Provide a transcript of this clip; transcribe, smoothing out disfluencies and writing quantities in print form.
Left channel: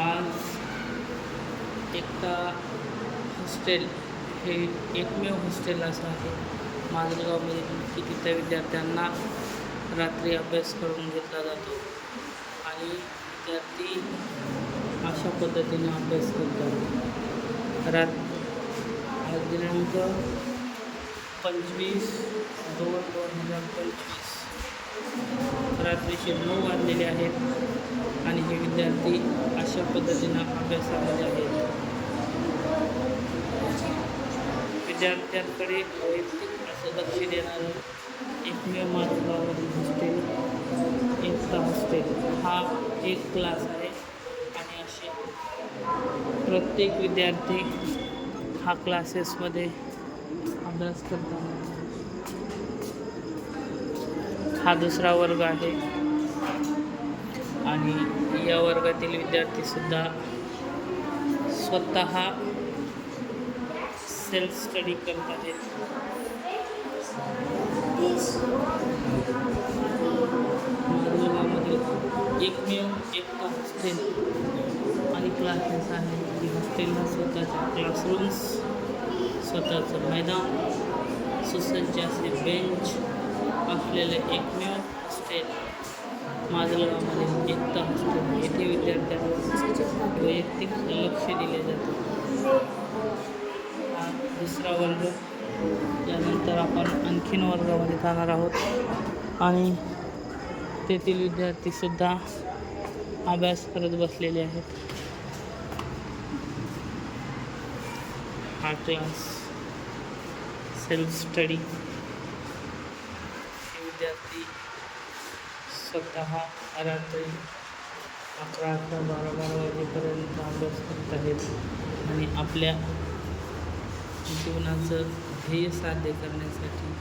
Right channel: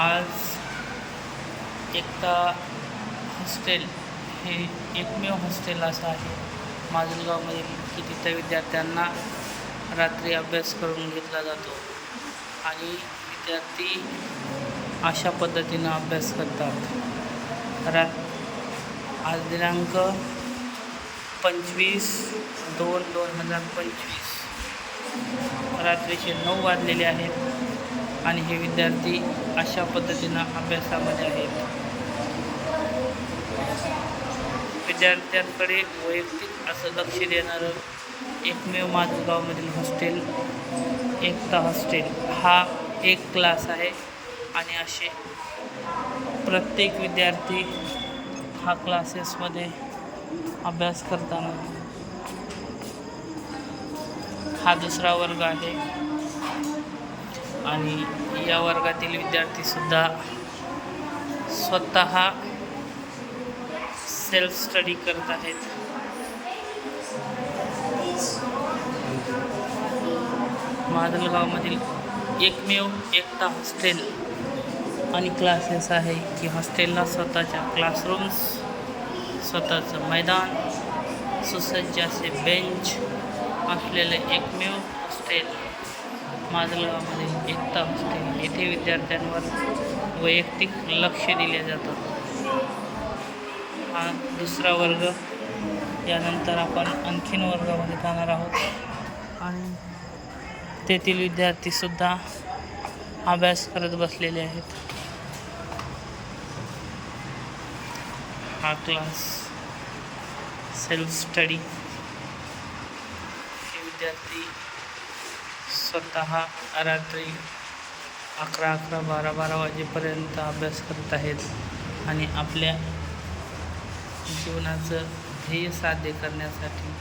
आज एकता हॉस्टेल हे एकमेव हॉस्टेल असं आहे माजलगावमधील की तिथं विद्यार्थ्यांना रात्री अभ्यास करून घेतला जातो आणि विद्यार्थी अशा पद्धतीनं अभ्यास करतात. आज दिनांक 25/2/2025 रात्रीचे 9 वाजलेले आहेत आणि हे विद्यार्थी अशा पद्धतीनं अभ्यासामध्ये आहेत. विद्यार्थ्यांकडे वैयक्तिक असं लक्ष देणारं एकमेव माजलगावमधील हॉस्टेल एकता हॉस्टेल हा एक क्लास आहे आणि असे प्रत्येक विद्यार्थी हा क्लासेसमध्ये अभ्यास करताना हा दुसरा वर्ग आहे आणि या वर्गातील विद्यार्थीसुद्धा स्वतः सेल्फ स्टडी करत आहेत. माजलगावमधील एकमेव एकता हॉस्टेल आणि क्लासेस आहे की हॉस्टेलला स्वतःच्या क्लासरूम्स, स्वतःचं मैदान, सुसज्ज असे बेंच असलेले एकमेव हॉस्टेल माजलगावमध्ये एकता हॉस्टेल. येथे विद्यार्थ्यांवर वैयक्तिक लक्ष दिले जातं. हा दुसरा वर्ग. यानंतर आपण आणखीन वर्गामध्ये जाणार आहोत आणि तेथील विद्यार्थीसुद्धा अभ्यास करत बसलेले आहेत. हा क्लास सेल्फ स्टडी. हे विद्यार्थी स्वतः रात्री 11, 12 वाजेपर्यंत अभ्यास करत आहेत आणि आपल्या जीवनाचं ध्येय साध्य करण्यासाठी